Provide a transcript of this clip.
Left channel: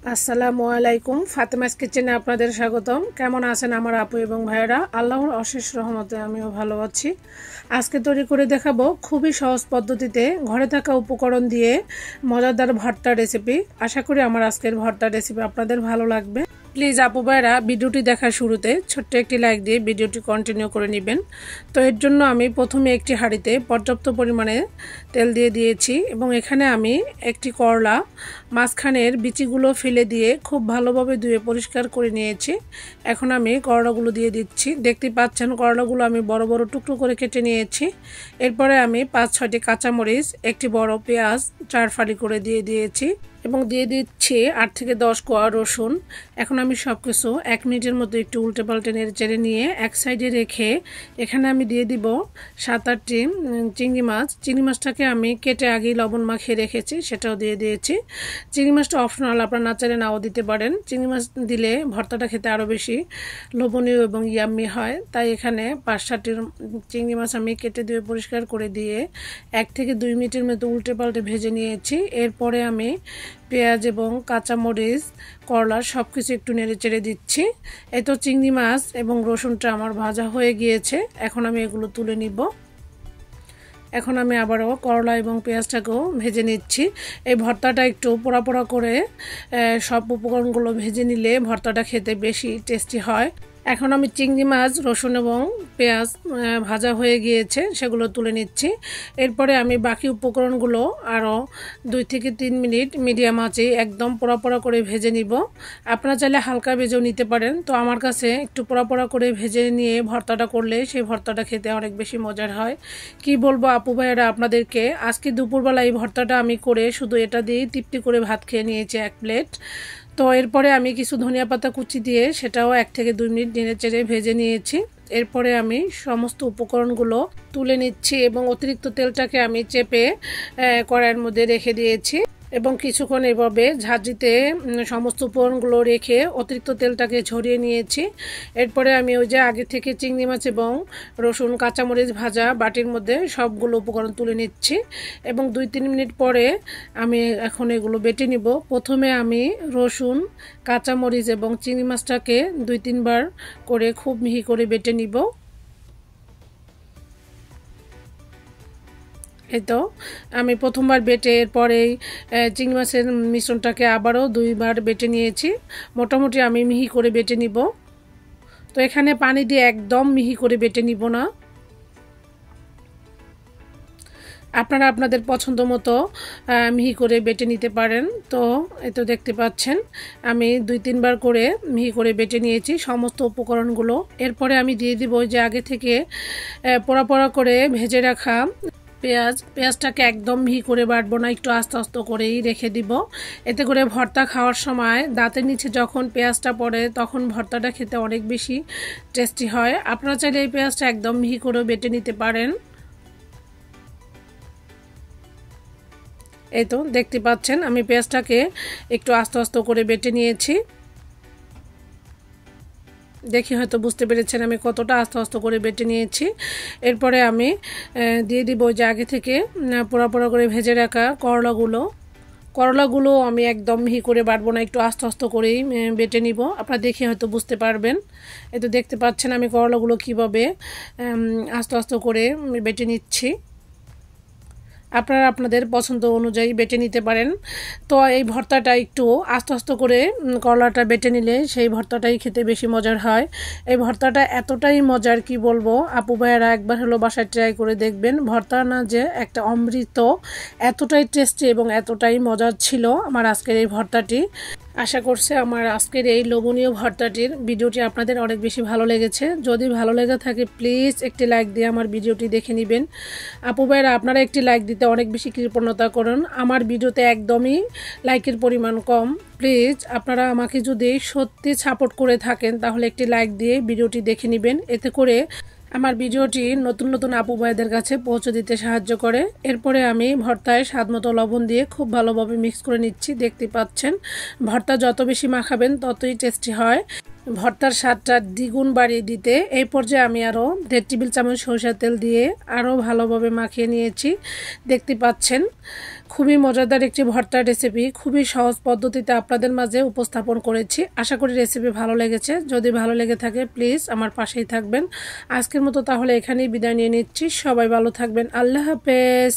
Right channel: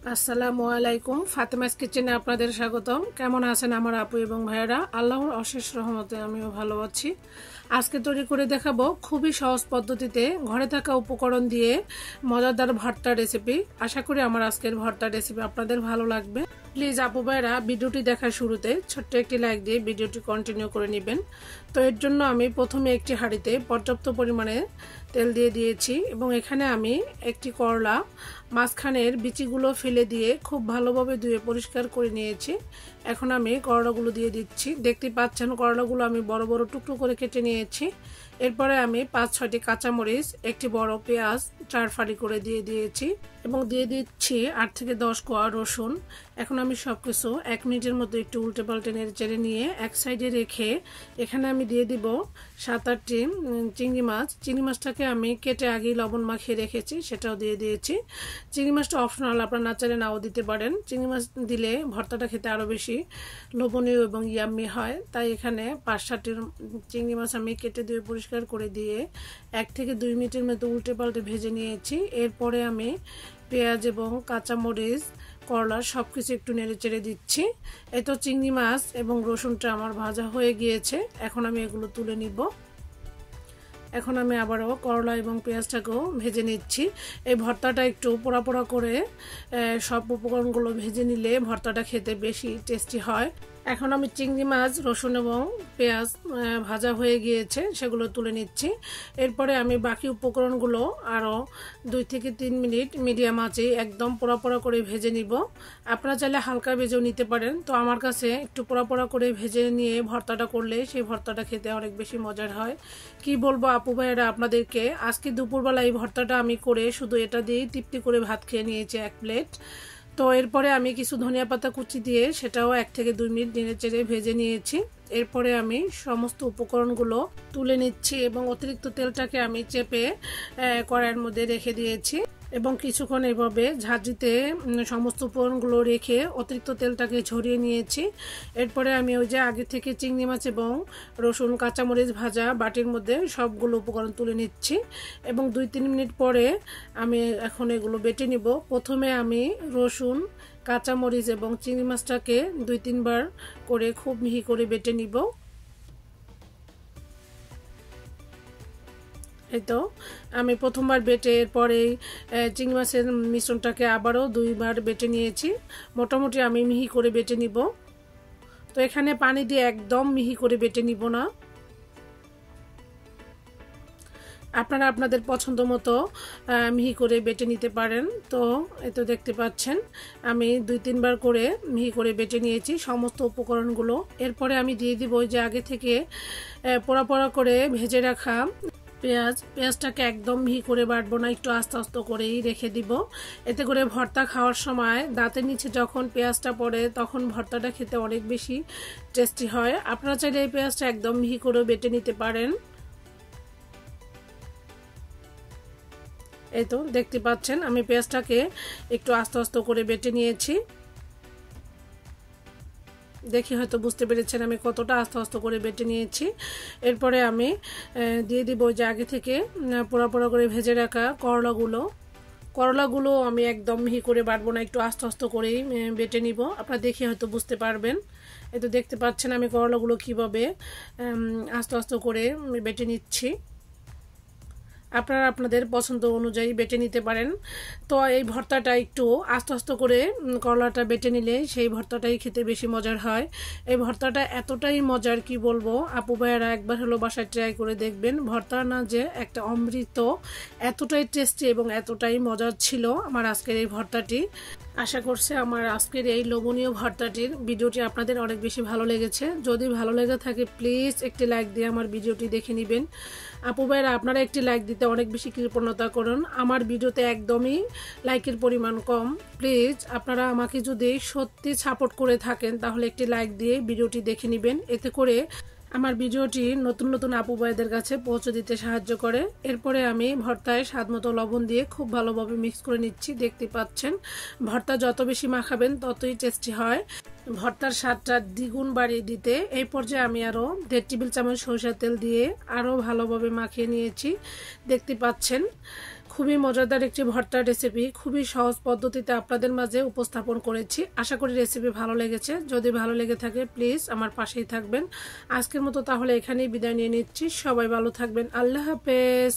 আসসালামু আলাইকুম। ফাতেমাস কিচেনে আপনাদের স্বাগতম। কেমন আছেন আমার আপু এবং ভাইয়েরা? আল্লাহর অশেষ রহমতে আমিও ভালো আছি। আজকে তৈরি করে দেখাবো খুবই সহজ পদ্ধতিতে ঘরে থাকা উপকরণ দিয়ে মজাদার ভর্তা রেসিপি। আশা করি আমার আজকের ভর্তা রেসিপি আপনাদের ভালো লাগবে। প্লিজ আপু ভাইয়েরা ভিডিওটি দেখার শুরুতে ছোট্ট একটি লাইক দিয়ে ভিডিওটি কন্টিনিউ করে নেবেন। তো এর জন্য আমি প্রথমে একটি হাঁড়িতে পর্যাপ্ত পরিমাণে তেল দিয়ে দিয়েছি এবং এখানে আমি একটি করলা মাঝখানের বিচিগুলো ফেলে দিয়ে খুব ভালোভাবে ধুয়ে পরিষ্কার করে নিয়েছি। এখন আমি করলাগুলো দিয়ে দিচ্ছি। দেখতে পাচ্ছেন করলাগুলো আমি বড় বড় টুকরো করে কেটে নিয়েছি। এরপরে আমি 5-6টি কাঁচামরিচ, একটি বড় পেঁয়াজ 4 ফালি করে দিয়ে দিয়েছি এবং দিয়ে দিচ্ছি 8 থেকে 10 কোয়া রসুন। এখন আমি সবকিছু 1 মিনিটের মতো একটু উল্টে পাল্টে নেড়ে চেড়ে নিয়ে এক সাইডে রেখে এখানে আমি দিয়ে দিব 7-8টি চিংড়ি মাছ। চিংড়ি মাছটাকে আমি কেটে আগেই লবণ মাখিয়ে রেখেছি, সেটাও দিয়ে দিয়েছি। চিংড়ি মাছটা অপশনাল, আপনারা না চাইলে নাও দিতে পারেন। চিংড়ি মাছ দিলে ভর্তাটা খেতে আরও বেশি লোভনীয় এবং ইয়াম্মি হয়। তাই এখানে 5-7টি চিংড়ি মাছ আমি কেটে দিয়ে পরিষ্কার করে দিয়ে 1 থেকে 2 মিনিটের মতো উল্টে পাল্টে ভেজে নিয়েছি। এরপরে আমি পেঁয়াজ এবং কাঁচামরিচ, করলা সব কিছু একটু নেড়ে চেড়ে দিচ্ছি। এই তো চিংড়ি মাছ এবং রসুনটা আমার ভাজা হয়ে গিয়েছে। এখন আমি এগুলো তুলে নিব। এখন আমি আবারও করলা এবং পেঁয়াজটাকেও ভেজে নিচ্ছি। এই ভর্তাটা একটু পোড়া পোড়া করে সব উপকরণগুলো ভেজে নিলে ভর্তাটা খেতে বেশি টেস্টি হয়। এখন আমি চিংড়ি মাছ, রসুন এবং পেঁয়াজ ভাজা হয়ে গিয়েছে, সেগুলো তুলে নিচ্ছি। এরপরে আমি বাকি উপকরণগুলো আরও 2 থেকে 3 মিনিট মিডিয়াম আঁচে একদম পোড়া পোড়া করে ভেজে নিব। আপনারা চাইলে হালকা ভেজেও নিতে পারেন। তো আমার কাছে একটু পোড়া পোড়া করে ভেজে নিয়ে ভর্তাটা করলে সেই ভর্তাটা খেতে অনেক বেশি মজার হয়। কি বলবো আপু ভাইয়েরা আপনাদেরকে, আজকে দুপুরবেলা এই ভর্তাটা আমি করে শুধু এটা দিয়েই তৃপ্তি করে ভাত খেয়ে নিয়েছি 1 প্লেট। তো এরপরে আমি কিছু ধনিয়া পাতা কুচি দিয়ে সেটাও 1 থেকে 2 মিনিট নেড়ে চেড়ে ভেজে নিয়েছি। এরপরে আমি সমস্ত উপকরণগুলো তুলে নিচ্ছি এবং অতিরিক্ত তেলটাকে আমি চেপে কড়াইয়ের মধ্যে রেখে দিয়েছি এবং কিছুক্ষণ এভাবে ঝাঁঝরিতে সমস্ত উপকরণগুলো রেখে অতিরিক্ত তেলটাকে ঝরিয়ে নিয়েছি। এরপরে আমি ওই যে আগে থেকে চিংড়ি মাছ এবং রসুন কাঁচামরিচ ভাজা বাটির মধ্যে সবগুলো উপকরণ তুলে নিচ্ছি এবং 2-3 মিনিট পরে আমি এখন এগুলো বেটে নিব। প্রথমে আমি রসুন, কাঁচামরিচ এবং চিংড়ি মাছটাকে 2-3 বার করে খুব মিহি করে বেটে নিব। এই তো আমি প্রথমবার বেটে এরপরেই চিংড়ি মাছের মিশ্রণটাকে আবারও 2 বার বেটে নিয়েছি। মোটামুটি আমি মিহি করে বেটে নিব। তো এখানে পানি দিয়ে একদম মিহি করে বেটে নিব না, আপনারা আপনাদের পছন্দ মতো মিহি করে বেটে নিতে পারেন। তো এই তো দেখতে পাচ্ছেন আমি 2-3 বার করে মিহি করে বেটে নিয়েছি সমস্ত উপকরণগুলো। এরপরে আমি দিয়ে দিব যে আগে থেকে পোড়া পোড়া করে ভেজে রাখা পেঁয়াজটাকে একদম মিহি করে বাটবো না, একটু আস্তে আস্তে করেই রেখে দিব। এতে করে ভর্তা খাওয়ার সময় দাঁতের নিচে যখন পেঁয়াজটা পড়ে তখন ভর্তাটা খেতে অনেক বেশি টেস্টি হয়। আপনারা চাইলে এই পেঁয়াজটা একদম মিহি করে বেটে নিতে পারেন। এই তো দেখতে পাচ্ছেন আমি পেঁয়াজটাকে একটু আস্তে আস্তে করে বেটে নিয়েছি। দেখি হয়তো বুঝতে পেরেছেন আমি কতটা আস্তে আস্তে করে বেটে নিয়েছি। এরপরে আমি দিয়ে দিব যে আগে থেকে পোড়া পোড়া করে ভেজে রাখা করলাগুলো আমি একদম মিহি করে বাটবো না, একটু আস্তে আস্তে করেই বেটে নিব। আপনারা দেখে হয়তো বুঝতে পারবেন। এই তো দেখতে পাচ্ছেন আমি করলাগুলো কীভাবে আস্তে আস্তে করে বেটে নিচ্ছি। আপনারা আপনাদের পছন্দ অনুযায়ী বেটে নিতে পারেন। তো এই ভর্তাটা একটু আস্তে আস্তে করে করলাটা বেটে নিলে সেই ভর্তাটাই খেতে বেশি মজার হয়। এই ভর্তাটা এতটাই মজার কি বলবো, আপু ভাইয়েরা একবার হলো বাসায় ট্রাই করে দেখবেন। ভর্তা না যে একটা অমৃত, এতটাই টেস্টি এবং এতটাই মজার ছিল আমার আজকের এই ভর্তাটি। আশা করছি আমার আজকের এই লোভনীয় ভর্তাটির ভিডিওটি আপনাদের অনেক বেশি ভালো লেগেছে। যদি ভালো লেগে থাকে প্লিজ একটি লাইক দিয়ে আমার ভিডিওটি দেখে নেবেন। আপু ভাইরা আপনারা একটি লাইক দিতে অনেক বেশি কৃপণতা করেন, আমার ভিডিওতে একদমই লাইকের পরিমাণ কম। প্লিজ আপনারা আমাকে যদি সত্যি সাপোর্ট করে থাকেন তাহলে একটি লাইক দিয়ে ভিডিওটি দেখে নেবেন। এতে করে আমার ভিডিওটি নতুন নতুন আপু ভাইদের কাছে পৌঁছে দিতে সাহায্য করে। এরপরে আমি ভর্তায় স্বাদমতো লবণ দিয়ে খুব ভালোভাবে মিক্স করে নিচ্ছি। দেখতে পাচ্ছেন ভর্তা যত বেশি মাখাবেন ততই টেস্টি হয়। ভর্তার স্বাদটা দ্বিগুণ বাড়িয়ে দিতে এই পর্যায়ে আমি আরও 1.5 টেবিল চামচ সরিষার তেল দিয়ে আরও ভালোভাবে মাখিয়ে নিয়েছি। দেখতে পাচ্ছেন খুবই মজাদার একটি ভর্তার রেসিপি, খুবই সহজ পদ্ধতিতে আপনাদের মাঝে উপস্থাপন করেছি। আশা করি রেসিপি ভালো লেগেছে। যদি ভালো লেগে থাকে প্লিজ আমার পাশেই থাকবেন। আজকের মতো তাহলে এখানেই বিদায় নিয়ে নিচ্ছি। সবাই ভালো থাকবেন। আল্লাহ হাফেজ।